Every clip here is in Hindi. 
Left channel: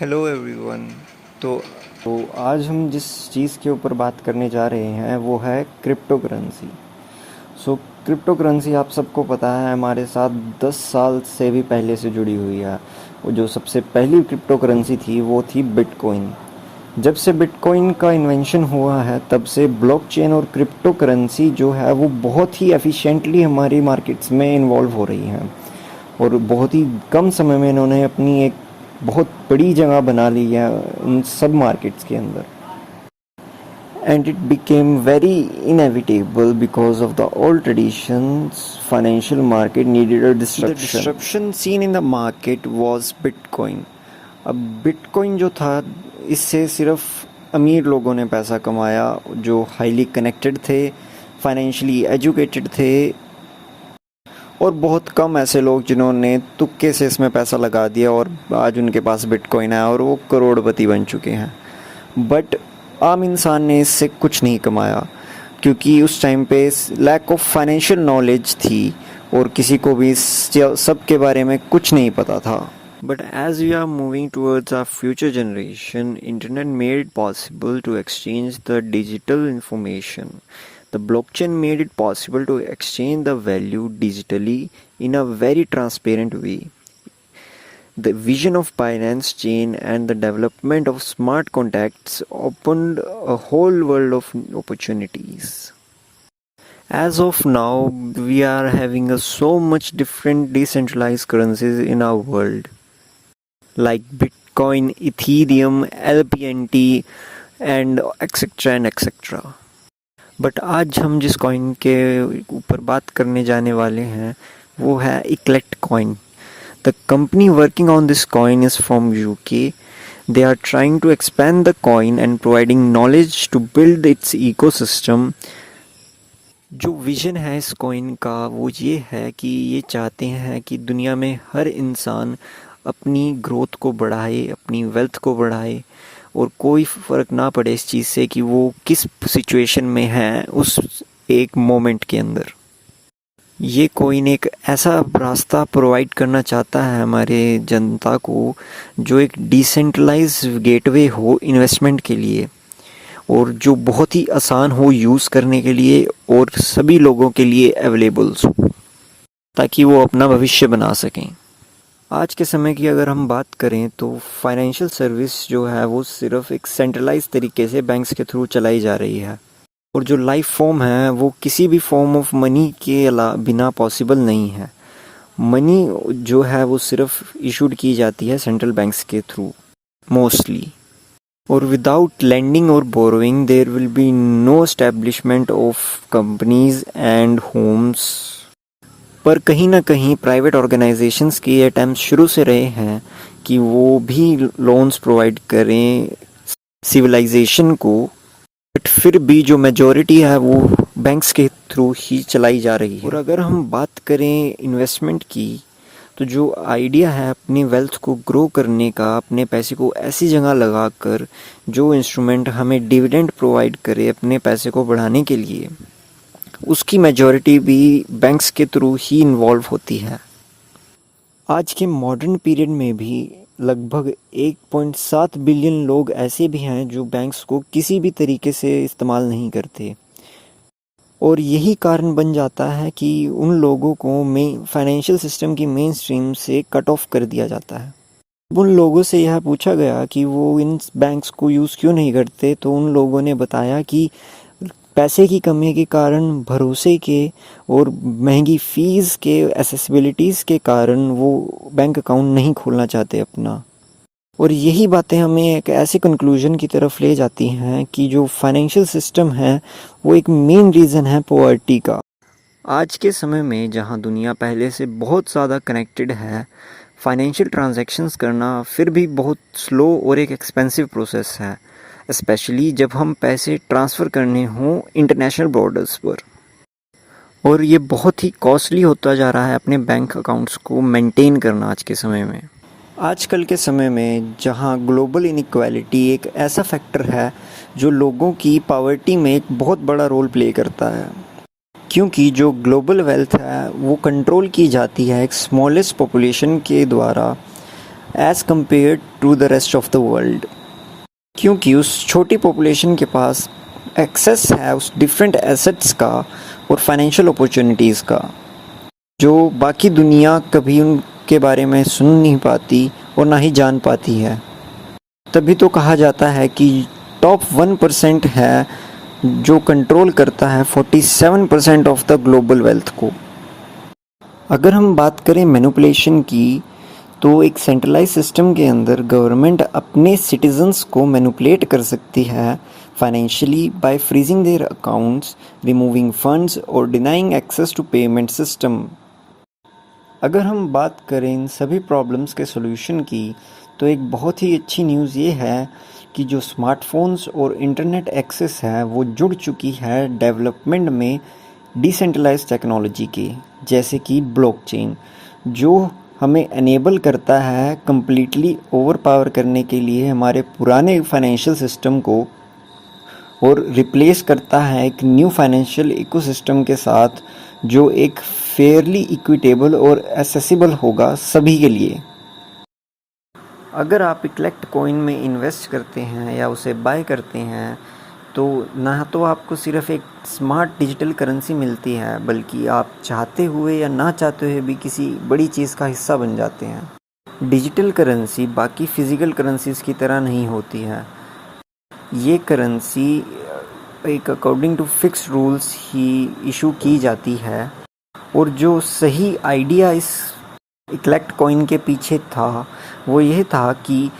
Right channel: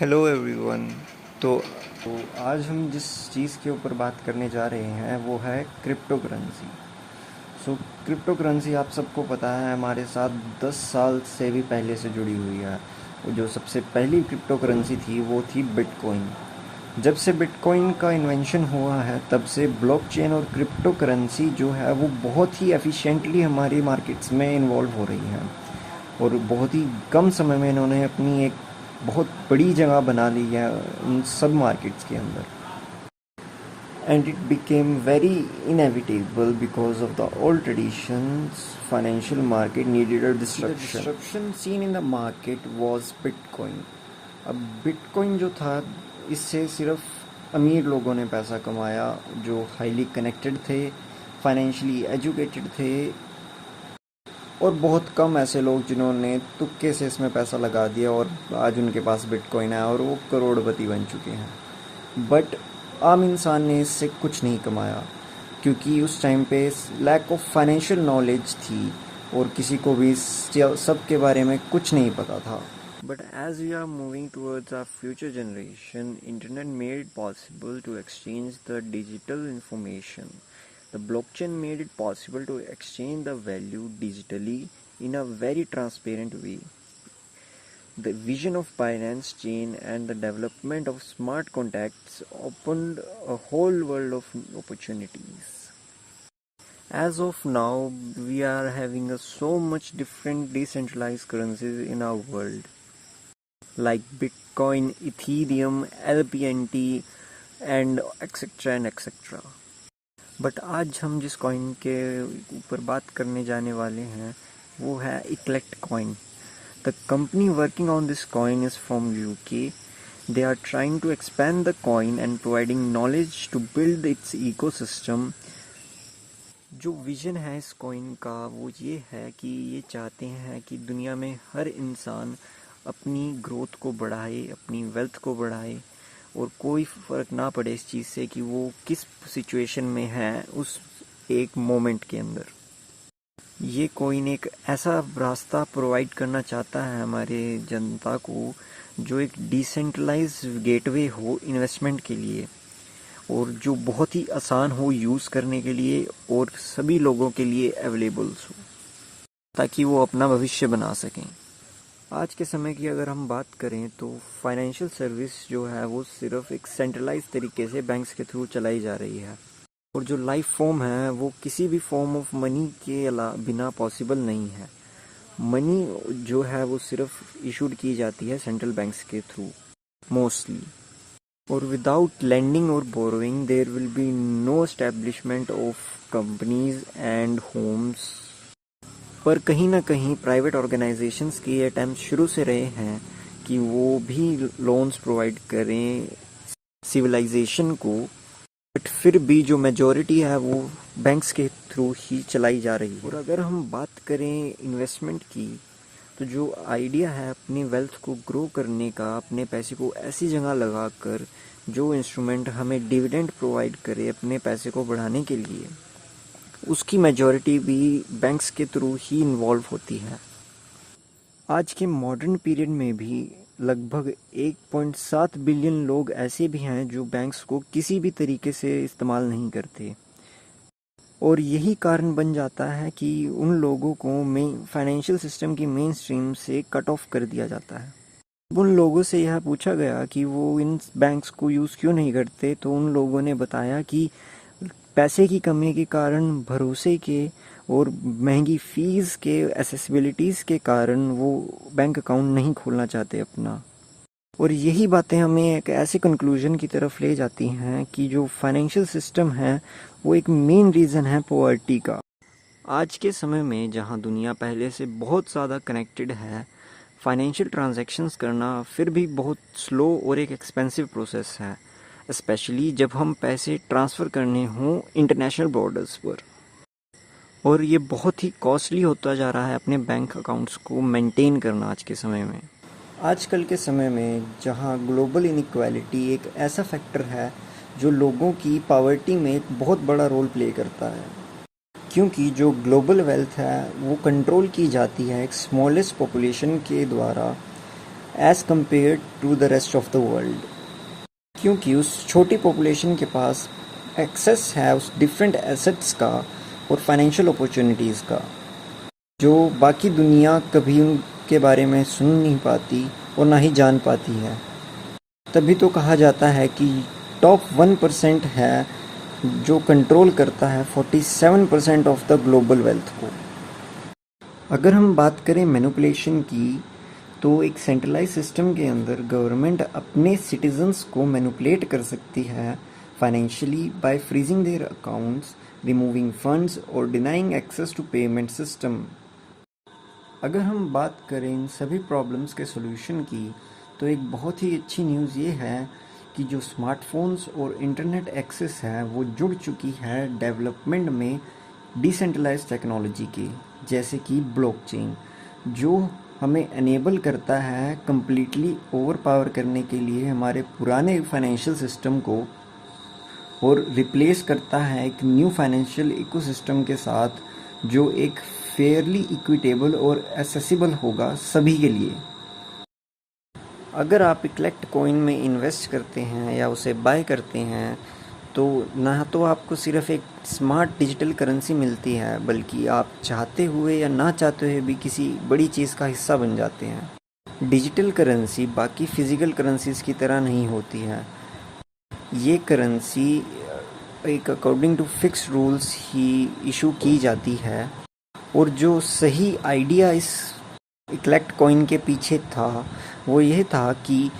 Hello everyone. तो तो आज हम जिस चीज़ के ऊपर बात करने जा रहे हैं वो है crypto currency. So crypto currency आप सबको पता है हमारे साथ 10 साल से भी पहले से जुड़ी हुई है। वो जो सबसे पहली क्रिप्टो करेंसी थी वो थी बिटकॉइन। जब से बिटकॉइन का इन्वेंशन हुआ है तब से ब्लॉकचेन और क्रिप्टो करेंसी जो है वो बहुत ही एफिशिएंटली हमारी मार्केट्स में इन्वॉल्व हो रही हैं और बहुत ही कम समय में इन्होंने अपनी एक बहुत बड़ी जगह बना ली है उन सब मार्केट्स के अंदर। And it became very inevitable because of the old traditions. Financial market needed a disruption. The disruption seen in the market was Bitcoin. अब बिटकॉइन जो था इससे सिर्फ अमीर लोगों ने पैसा कमाया जो हाईली कनेक्टेड थे, फाइनेंशियली एजुकेटेड थे, और बहुत कम ऐसे लोग जिन्होंने तुक्के से इसमें पैसा लगा दिया और आज उनके पास बिटकॉइन है और वो करोड़पति बन चुके हैं। बट आम इंसान ने इससे कुछ नहीं कमाया क्योंकि उस टाइम पे लैक ऑफ फाइनेंशियल नॉलेज थी और किसी को भी सब के बारे में कुछ नहीं पता था। But as we are moving towards our future generation, internet made it possible to exchange the digital information. The blockchain made it possible to exchange the value digitally in a very transparent way. The vision of Binance Chain and the development of smart contracts opened a whole world of opportunities. As of now, we are having so much different decentralized currencies in our world, like Bitcoin, Ethereum, LPNT, and etc. and etc. But आज हम जिस कॉइन के ऊपर बात करने जाने वाले हैं वो है eclect coin. The company working on this coin is from UK. They are trying to expand the coin and providing knowledge to build its ecosystem. जो विजन है इस कॉइन का वो ये है कि ये चाहते हैं कि दुनिया में हर इंसान अपनी ग्रोथ को बढ़ाए, अपनी वेल्थ को बढ़ाए और कोई फ़र्क ना पड़े इस चीज़ से कि वो किस सिचुएशन में है उस एक मोमेंट के अंदर. ये कोइन एक ऐसा रास्ता प्रोवाइड करना चाहता है हमारे जनता को जो एक डिसेंट्रलाइज गेटवे हो इन्वेस्टमेंट के लिए और जो बहुत ही आसान हो यूज़ करने के लिए और सभी लोगों के लिए अवेलेबल्स हो ताकि वो अपना भविष्य बना सकें. आज के समय की अगर हम बात करें तो फाइनेंशियल सर्विस जो है वो सिर्फ एक सेंट्रलाइज तरीके से बैंक्स के थ्रू चलाई जा रही है और जो लाइफ फॉर्म है वो किसी भी फॉर्म ऑफ मनी के बिना पॉसिबल नहीं है. मनी जो है वो सिर्फ इशूड की जाती है सेंट्रल बैंक्स के थ्रू मोस्टली, और विदाउट लेंडिंग और borrowing there will be no establishment of companies and homes. पर कहीं ना कहीं प्राइवेट ऑर्गेनाइजेशंस के ये अटैम्प्ट शुरू से रहे हैं कि वो भी लोन्स प्रोवाइड करें सिविलाइजेशन को, बट फिर भी जो मेजॉरिटी है वो बैंक्स के थ्रू ही चलाई जा रही है. और अगर हम बात करें इन्वेस्टमेंट की तो जो आइडिया है अपनी वेल्थ को ग्रो करने का, अपने पैसे को ऐसी जगह लगा कर जो इंस्ट्रूमेंट हमें डिविडेंड प्रोवाइड करे अपने पैसे को बढ़ाने के लिए, उसकी मेजॉरिटी भी बैंक्स के थ्रू ही इन्वॉल्व होती है. आज के मॉडर्न पीरियड में भी लगभग 1.7 बिलियन लोग ऐसे भी हैं जो बैंक्स को किसी भी तरीके से इस्तेमाल नहीं करते और यही कारण बन जाता है कि उन लोगों को फाइनेंशियल सिस्टम की मेन स्ट्रीम से कट ऑफ कर दिया जाता है. उन लोगों से यह पूछा गया कि वो इन बैंक्स को यूज़ क्यों नहीं करते तो उन लोगों ने बताया कि पैसे की कमी के कारण, भरोसे के और महंगी फ़ीस के एसेसिबिलिटीज़ के कारण वो बैंक अकाउंट नहीं खोलना चाहते अपना. और यही बातें हमें एक ऐसे कंक्लूजन की तरफ ले जाती हैं कि जो फाइनेंशियल सिस्टम है वो एक मेन रीज़न है पॉवर्टी का. आज के समय में जहां दुनिया पहले से बहुत ज़्यादा कनेक्टेड है, फाइनेंशियल ट्रांजैक्शंस करना फिर भी बहुत स्लो और एक एक्सपेंसिव प्रोसेस है, स्पेशली जब हम पैसे ट्रांसफ़र करने हों इंटरनेशनल बॉर्डर्स पर. और ये बहुत ही कॉस्टली होता जा रहा है अपने बैंक अकाउंट्स को मेंटेन करना आज के समय में. आजकल के समय में जहां ग्लोबल इनइक्वालिटी एक ऐसा फैक्टर है जो लोगों की पॉवर्टी में एक बहुत बड़ा रोल प्ले करता है, क्योंकि जो ग्लोबल वेल्थ है वो कंट्रोल की जाती है एक स्मॉलेस्ट पॉपुलेशन के द्वारा as compare to the rest of the world, क्योंकि उस छोटी पॉपुलेशन के पास एक्सेस है उस डिफरेंट एसेट्स का और फाइनेंशियल अपॉर्चुनिटीज़ का, जो बाकी दुनिया कभी उनके बारे में सुन नहीं पाती और ना ही जान पाती है। तभी तो कहा जाता है कि टॉप 1% है जो कंट्रोल करता है 47% ऑफ द ग्लोबल वेल्थ को। अगर हम बात करें मैनिपुलेशन की, तो एक सेंट्रलाइज सिस्टम के अंदर गवर्नमेंट अपने सिटीजन्स को मैनिपुलेट कर सकती है financially by freezing their accounts, removing funds और denying access to payment system. अगर हम बात करें इन सभी प्रॉब्लम्स के सॉल्यूशन की, तो एक बहुत ही अच्छी न्यूज़ ये है कि जो स्मार्टफोन्स और इंटरनेट एक्सेस है वो जुड़ चुकी है डेवलपमेंट में डिसेंट्रलाइज्ड टेक्नोलॉजी के, जैसे कि ब्लॉकचेन, जो हमें एनेबल करता है कम्प्लीटली ओवर पावर करने के लिए हमारे पुराने फाइनेंशियल सिस्टम को और रिप्लेस करता है एक न्यू फाइनेंशियल इकोसिस्टम के साथ, जो एक फेयरली इक्विटेबल और एसेसिबल होगा सभी के लिए। अगर आप इक्लेक्ट कॉइन में इन्वेस्ट करते हैं या उसे बाय करते हैं, तो ना तो आपको सिर्फ एक स्मार्ट डिजिटल करेंसी मिलती है, बल्कि आप चाहते हुए या ना चाहते हुए भी किसी बड़ी चीज़ का हिस्सा बन जाते हैं। डिजिटल करेंसी बाकी फिज़िकल करेंसीज़ की तरह नहीं होती है। ये करेंसी एक अकॉर्डिंग टू फिक्स रूल्स ही इशू की जाती है, और जो सही आइडिया इस इक्लेक्ट कॉइन के पीछे था वो यह था कि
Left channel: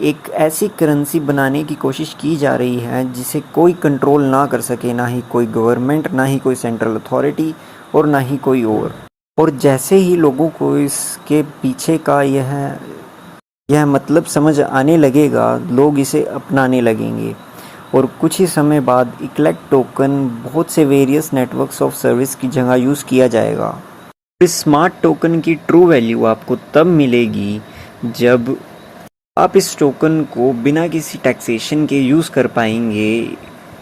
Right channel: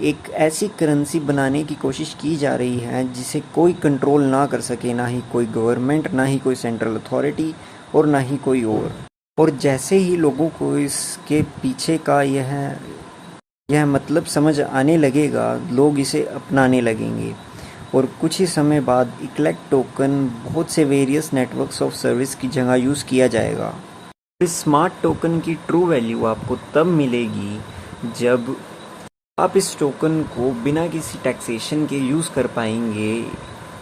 एक ऐसी करेंसी बनाने की कोशिश की जा रही है जिसे कोई कंट्रोल ना कर सके, ना ही कोई गवर्नमेंट, ना ही कोई सेंट्रल अथॉरिटी और ना ही कोई और जैसे ही लोगों को इसके पीछे का यह मतलब समझ आने लगेगा, लोग इसे अपनाने लगेंगे, और कुछ ही समय बाद इक्लेक्ट टोकन बहुत से वेरियस नेटवर्क्स ऑफ सर्विस की जगह यूज़ किया जाएगा। इस स्मार्ट टोकन की ट्रू वैल्यू आपको तब मिलेगी जब आप इस टोकन को बिना किसी टैक्सेशन के यूज़ कर पाएंगे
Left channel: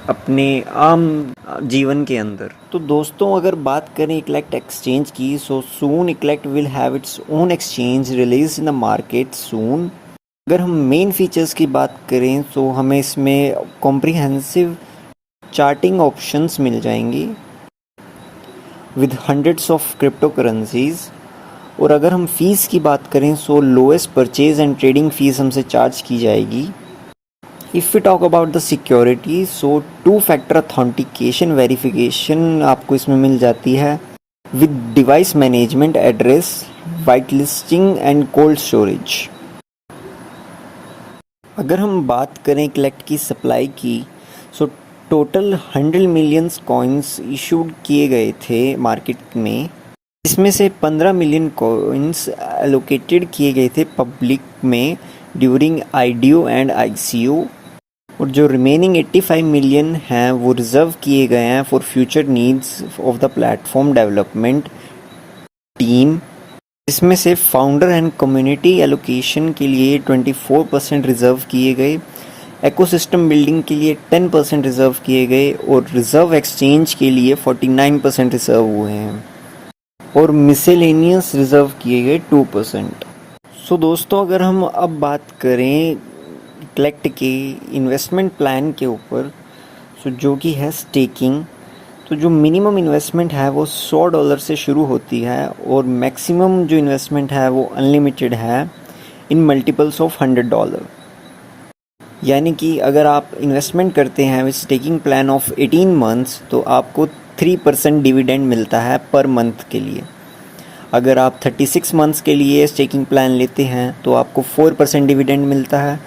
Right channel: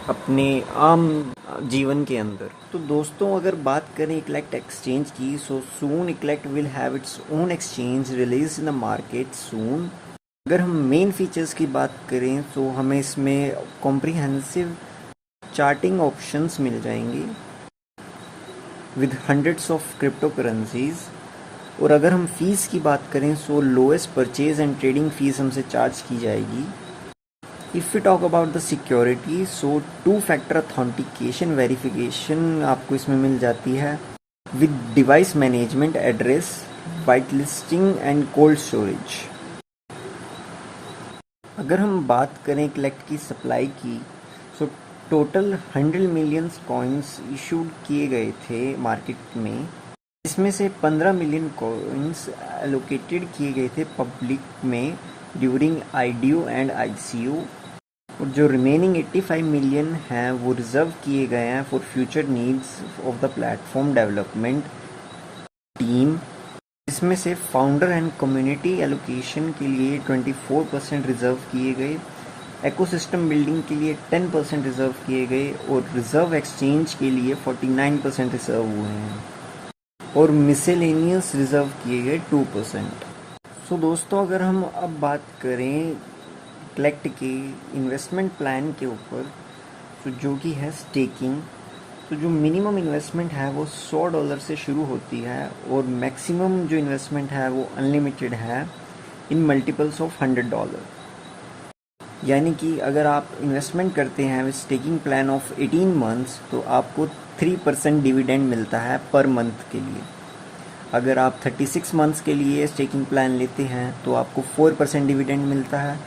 अपने आम जीवन के अंदर। तो दोस्तों, अगर बात करें इक्लेक्ट एक्सचेंज की, so soon Eclect will have its own exchange release in the market soon. अगर हम मेन फीचर्स की बात करें तो हमें इसमें कॉम्प्रिहेंसिव चार्टिंग ऑप्शंस मिल जाएंगी with hundreds of crypto currencies. और अगर हम फ़ीस की बात करें so lowest purchase and trading fees हमसे चार्ज की जाएगी। If we talk about the security, so two factor authentication verification आपको इसमें मिल जाती है with device management, address, white listing and cold storage. अगर हम बात करें इक्लेक्ट की सप्लाई की, so total 100 million coins issued किए गए थे मार्केट में। इसमें से 15 मिलियन कॉइन्स एलोकेटेड किए गए थे पब्लिक में ड्यूरिंग आईडीओ एंड आईसीओ, और जो रिमेनिंग 85 मिलियन हैं वो रिज़र्व किए गए हैं for future needs of the platform development team. इसमें से फाउंडर एंड कम्युनिटी एलोकेशन के लिए 24% रिज़र्व किए गए, एकोसिस्टम बिल्डिंग के लिए 10% रिज़र्व किए गए, और रिज़र्व एक्सचेंज के लिए 49% रिज़र्व हुए हैं, और मिसेलेनियस रिज़र्व किए गए 2%। सो दोस्तों, अगर हम अब बात करें इक्लेक्ट के इन्वेस्टमेंट प्लान के ऊपर, सो जो कि है स्टेकिंग, तो जो मिनिमम इन्वेस्टमेंट है वो $100 से शुरू होती है, और मैक्सिमम जो इन्वेस्टमेंट है वो अनलिमिटेड है इन मल्टीपल्स ऑफ $100। यानी कि अगर आप इन्वेस्टमेंट करते हैं with staking plan of 18 months, तो आपको 3% डिविडेंड मिलता है पर मंथ के लिए। अगर आप 36 मंथ्स के लिए स्टेकिंग प्लान लेते हैं तो आपको 4% डिविडेंड मिलता है।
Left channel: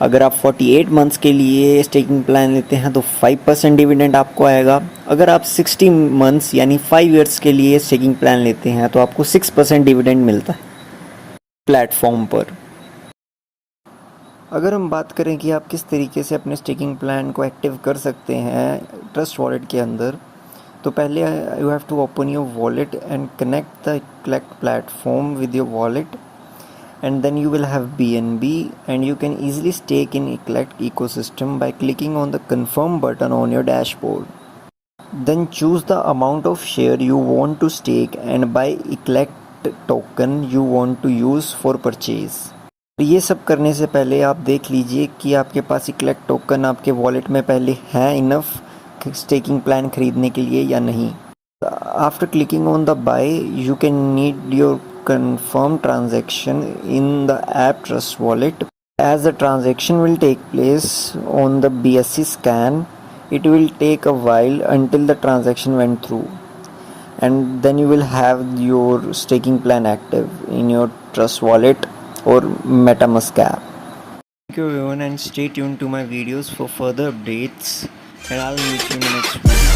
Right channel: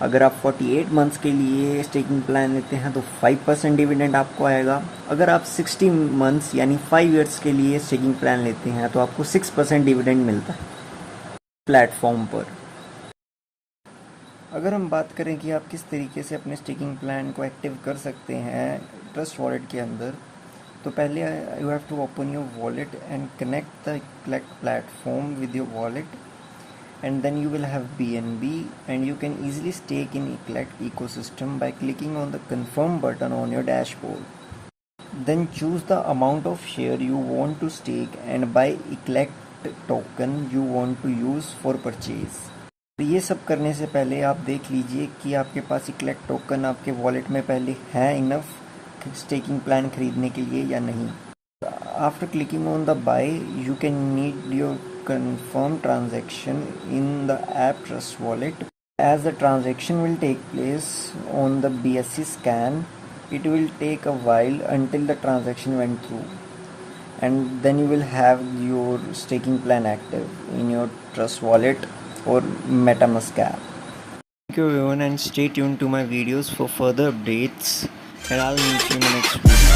अगर आप 48 मंथ्स के लिए स्टेकिंग प्लान लेते हैं तो 5% डिविडेंड आपको आएगा। अगर आप 60 मंथ्स यानी 5 इयर्स के लिए स्टेकिंग प्लान लेते हैं तो आपको 6% डिविडेंड मिलता है प्लेटफॉर्म पर। अगर हम बात करें कि आप किस तरीके से अपने स्टेकिंग प्लान को एक्टिव कर सकते हैं ट्रस्ट वॉलेट के अंदर, तो पहले you have to open your wallet and connect the Eclect platform with your wallet, and then you will have BNB, and you can easily stake in Iklect ecosystem by clicking on the confirm button on your dashboard. Then choose the amount of share you want to stake and buy Iklect token you want to use for purchase. तो ये सब करने से पहले आप देख लीजिए कि आपके पास इक्लेक्ट टोकन आपके वॉलेट में पहले है इनफ स्टेकिंग प्लान खरीदने के लिए या नहीं। After clicking on the buy, you can need your confirm transaction in the app Trust Wallet. As the transaction will take place on the BSC scan, it will take a while until the transaction went through, and then you will have your staking plan active in your Trust Wallet or MetaMask app. Thank you everyone, and stay tuned to my videos for further updates, and I'll meet you in the next video.